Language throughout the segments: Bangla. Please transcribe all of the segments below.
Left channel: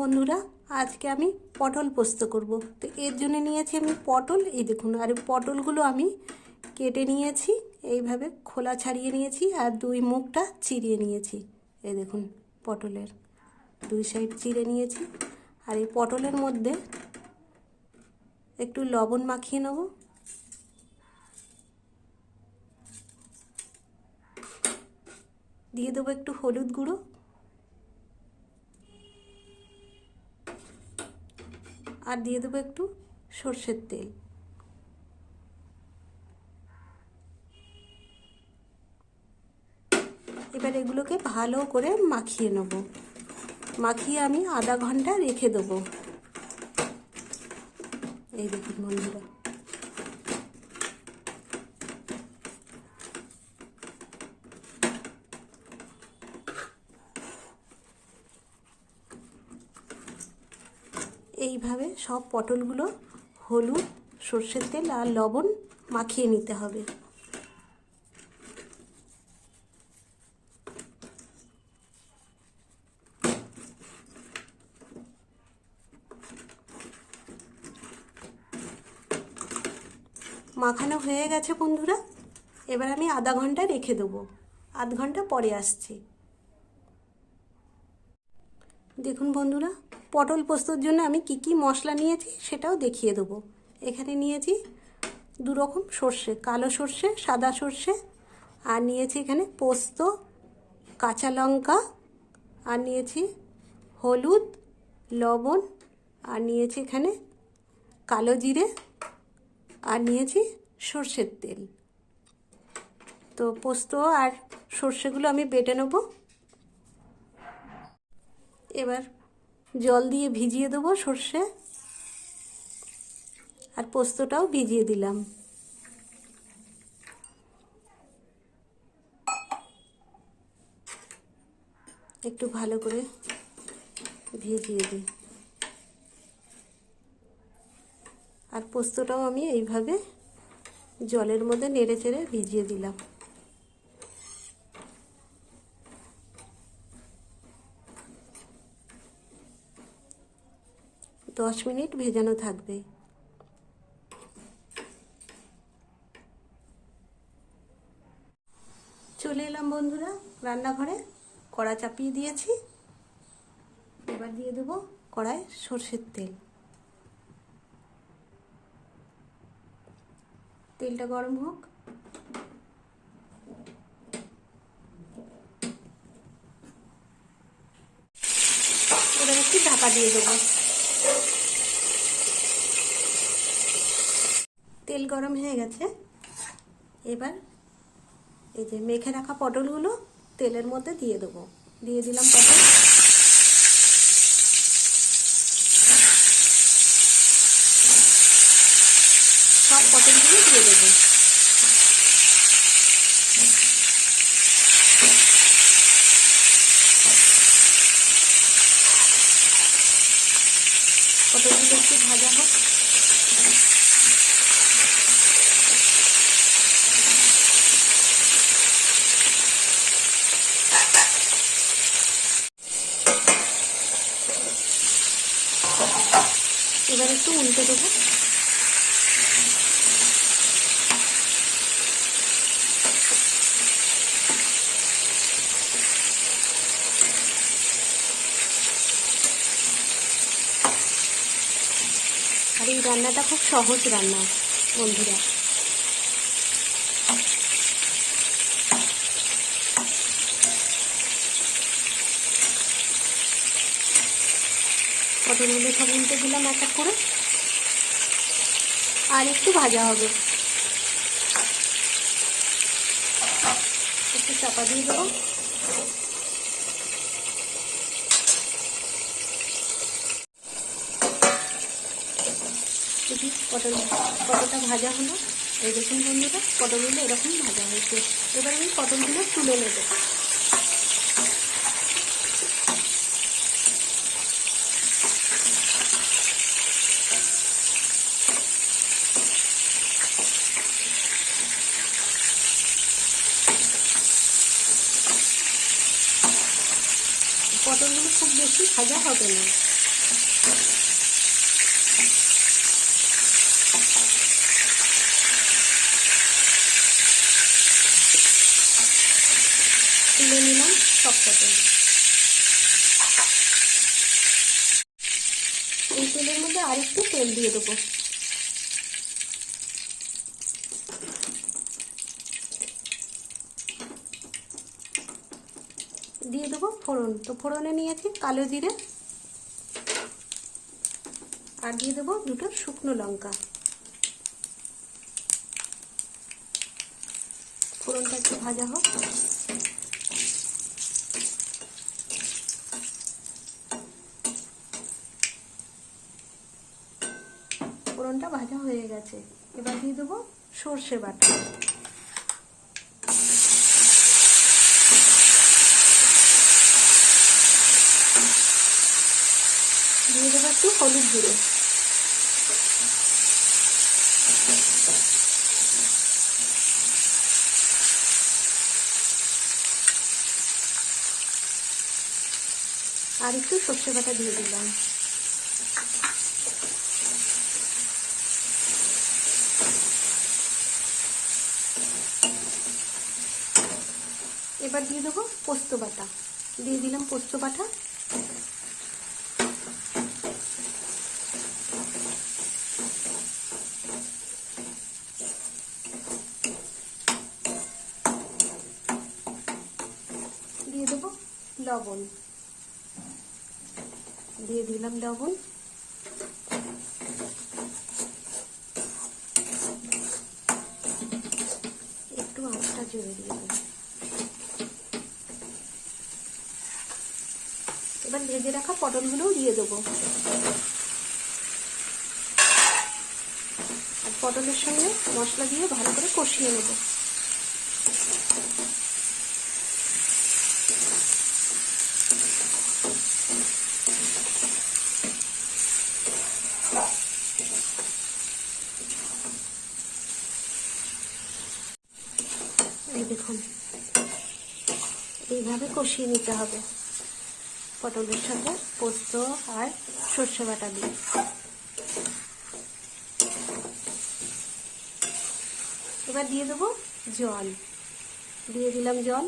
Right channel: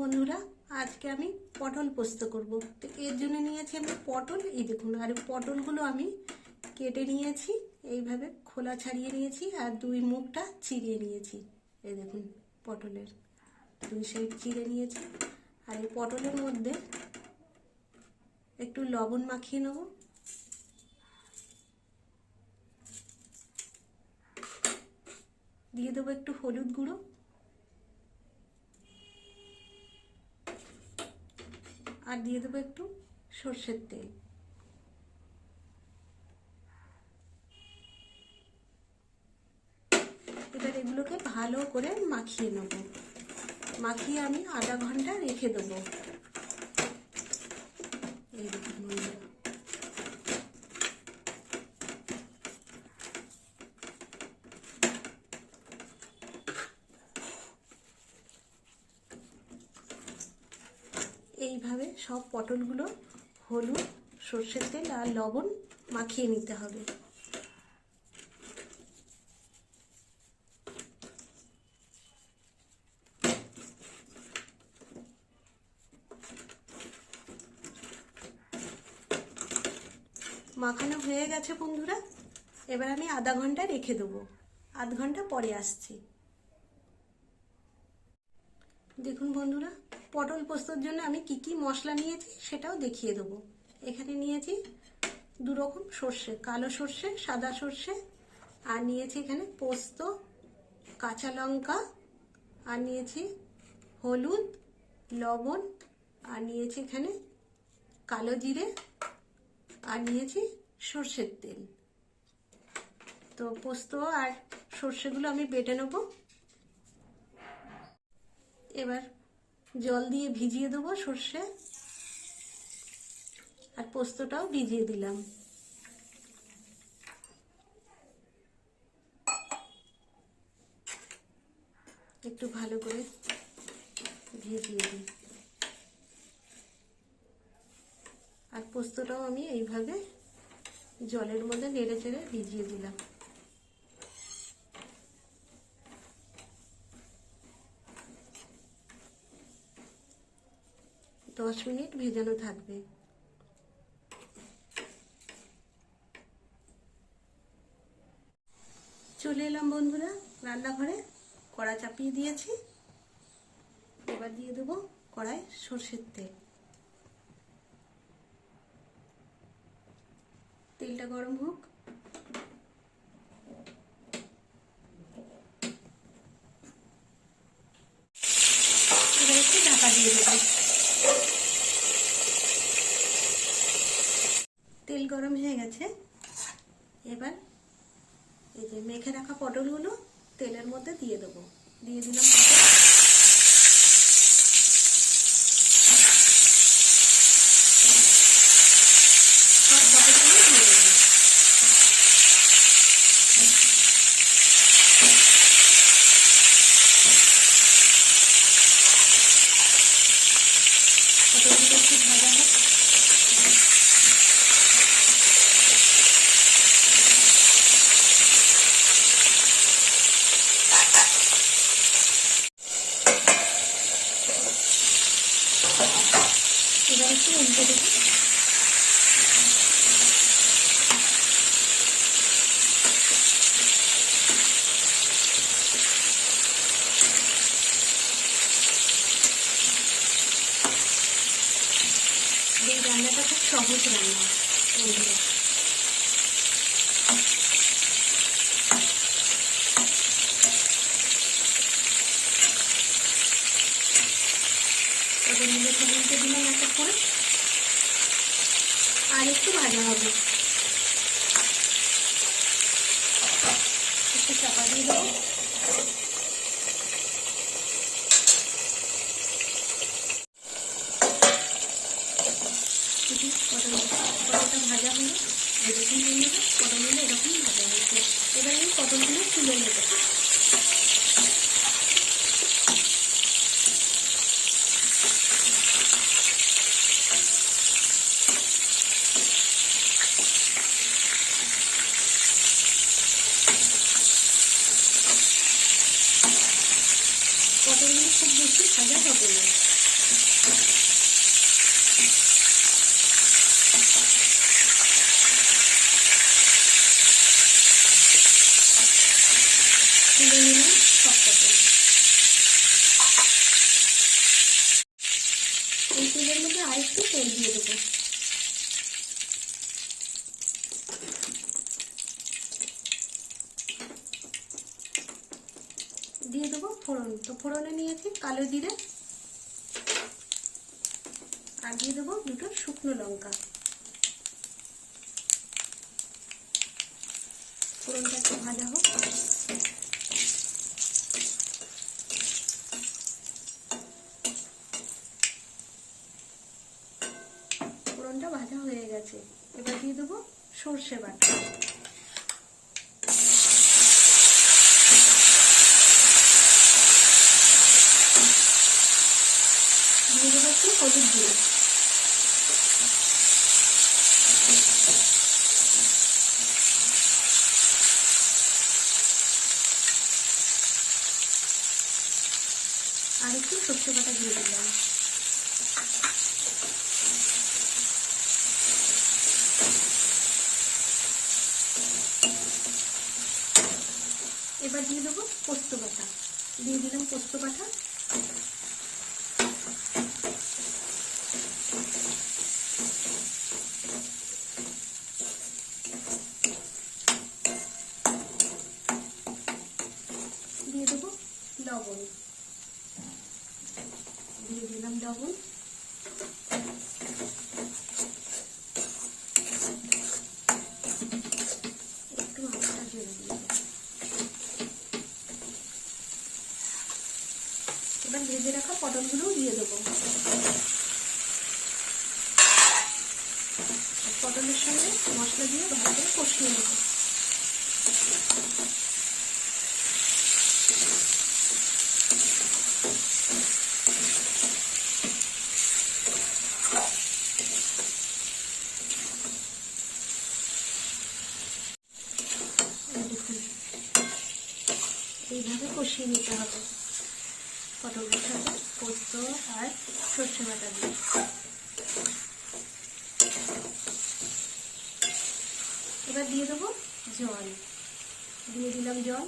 বন্ধুরা, আজকে আমি পটল পোস্ত করব। তো এর জন্য নিয়েছি আমি পটল। এই দেখুন, আর পটলগুলো আমি কেটে নিয়েছি, এইভাবে খোলা ছাড়িয়ে নিয়েছি আর দুই মুখটা চিরিয়ে নিয়েছি। এই দেখুন, পটলের দুই সাইড চিড়ে নিয়েছি। আর এই পটলের মধ্যে একটু লবণ মাখিয়ে নেব। দিয়ে দেবো একটু হলুদ গুঁড়ো। আর দিয়ে দেবো একটু সর্ষের তেল। এবার এগুলোকে ভালো করে মাখিয়ে নেব। মাখিয়ে আমি আধা ঘণ্টা রেখে দেবো। এই দেখুন বন্ধুরা। এইভাবে সব পটলগুলো হলুদ, সর্ষের তেল আর লবণ মাখিয়ে নিতে হবে। মাখানো হয়ে গেছে বন্ধুরা। এবার আমি আধা ঘণ্টা রেখে দেবো। আধ ঘণ্টা পরে আসছি। দেখুন বন্ধুরা পটল পোস্তর জন্য আমি কি কি মশলা নিয়েছি সেটাও দেখিয়ে দেবো। এখানে নিয়েছি দু রকম সর্ষে, কালো সর্ষে, সাদা সর্ষে। আর নিয়েছি এখানে পোস্ত, কাঁচা লঙ্কা। আর নিয়েছি হলুদ, লবণ। আর নিয়েছি এখানে কালো জিরে। আর নিয়েছি সর্ষের তেল। তো পোস্ত আর সর্ষেগুলো আমি বেটে নেব। এবার জল দিয়ে ভিজিয়ে দেবো সর্ষে। আর পোস্তটাও ভিজিয়ে দিলাম। একটু ভালো করে ভিজিয়ে দিই। আর পোস্তটাও আমি এইভাবে জলের মধ্যে নেড়ে চেড়ে ভিজিয়ে দিলাম। দশ মিনিট ভেজানো থাকবে। চলে এলাম বন্ধুরা, রান্নাঘরে কড়া চাপিয়ে দিয়েছি। এবার দিয়ে দেবো কড়ায় সর্ষের তেল। তেলটা গরম হোক। এবার একটু ঢাকা দিয়ে দেবো। তেল গরম হয়ে গেছে। এবার এই যে মেখে রাখা পটলগুলো তেলের মধ্যে দিয়ে দেবো। দিয়ে দিলাম পটল সব পটলগুলো দিয়ে দেবো পটলগুলো একটু ভাজা হোক এবার একটু উল্টে দেবো আর এই রান্নাটা খুব সহজ রান্না, বন্ধুরা। পটলগুলো সব দিলাম একটা করে আর একটু ভাজা হবে। একটু চাপা দিয়ে দেবো পটল পটলটা ভাজা হলো। দেখুন বন্ধুরা, পটলগুলো এরকম ভাজা হচ্ছে এবার আমি পটলগুলো তুলে নেব। পটলগুলো খুব বেশি ভাজা হবে না। নিলাম সবকটা এই তেলের মধ্যে আরেকটু তেল দিয়ে দেবো দিয়ে দেবো ফোড়ন তো ফোড়নে নিয়েছি কালো জিরে। আর দিয়ে দেবো দুটো শুকনো লঙ্কা। ফোড়নটা একটু ভাজা হোক। ফোড়নটা ভাজা হয়ে গেছে। এবার দিয়ে দেবো সর্ষে বাটা দিয়ে দেবো একটু হলুদ গুঁড়ো আর একটু সর্ষে বাটা দিয়ে দিলাম। এবার দিয়ে দেবো পোস্ত বাটা। দিয়ে দিলাম পোস্ত বাটা দিয়ে দেবো লবণ দিয়ে দিলাম লবণ একটু আটা জুড়ে দিয়ে দিলাম এবার ভেজে রাখা পটলগুলোও দিয়ে দেবো। পটলের সঙ্গে মশলা দিয়ে ভালো করে কষিয়ে নেব। এইভাবে কষিয়ে নিতে হবে। পটলের সাথে পোস্ত আর সর্ষে বাটা দিয়ে। এবার দিয়ে দেবো জল। দিয়ে দিলাম জল।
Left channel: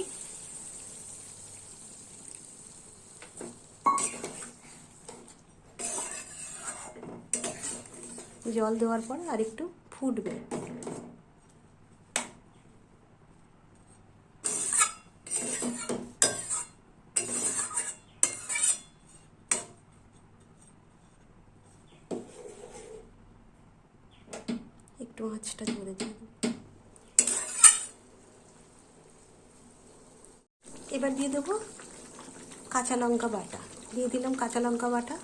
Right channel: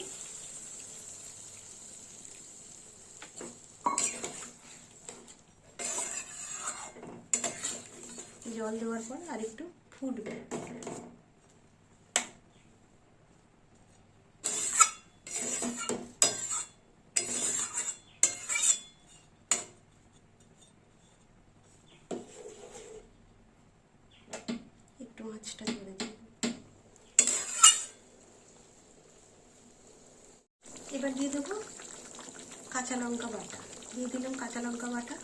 জল দেওয়ার পর আর একটু ফুটবে। একটু মাছটা জুড়ে দিই এবার দিয়ে দেবো কাঁচা লঙ্কা বাটা। দিয়ে দিলাম কাঁচা লঙ্কা বাটা।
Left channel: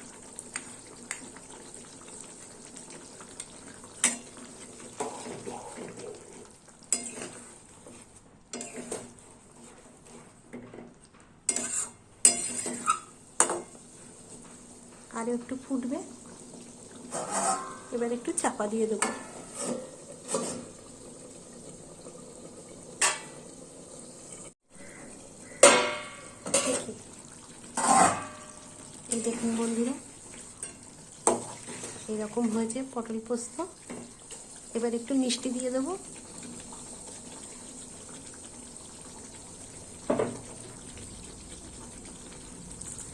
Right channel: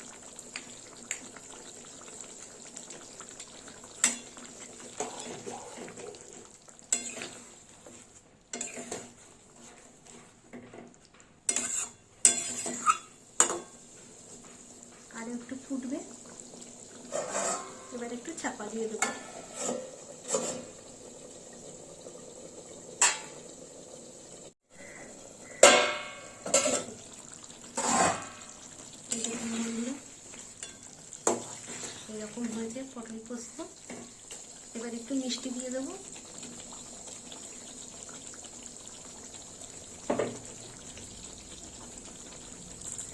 আর একটু ফুটবে। এবার একটু চাপা দিয়ে দেবো এই দেখুন বন্ধুরা এরকম হয়েছে পটল পোস্ত। এবার একটু মিষ্টি দিয়ে দেবো।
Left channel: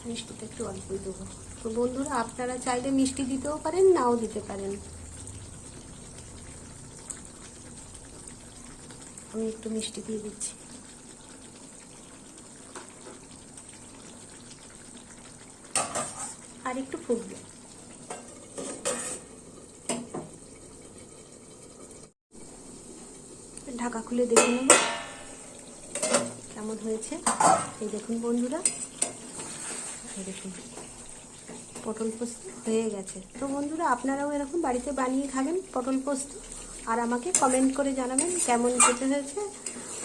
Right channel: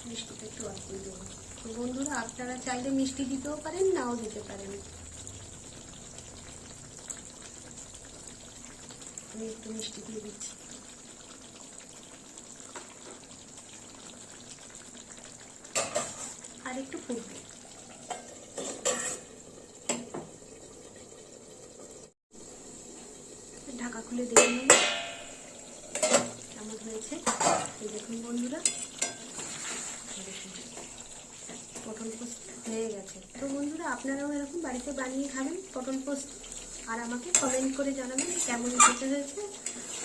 মিষ্টিটা একটু অল্প দেবো। তো বন্ধুরা, আপনারা চাইলে মিষ্টি দিতেও পারেন, নাও দিতে পারেন। আমি একটু মিষ্টি দিয়ে দিচ্ছি। আর একটু ফুটবে। ঢাকা খুলে দেখে নেব কেমন হয়েছে? এই দেখুন বন্ধুরা। দেখুন। পটল পোস্ত হয়ে গেছে। তো বন্ধুরা, আপনারাও এরকম বাড়িতে বানিয়ে খাবেন পটল পোস্ত। আর আমাকে কমেন্ট করে জানাবেন কেমন খেতে হয়েছে।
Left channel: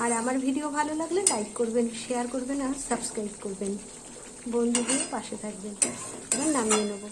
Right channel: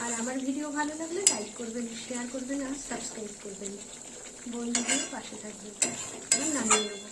আর আমার ভিডিও ভালো লাগলে লাইক করবেন শেয়ার করবেন আর সাবস্ক্রাইব করবেন। বন্ধুদের পাশে থাকবেন। এবার নামিয়ে নেব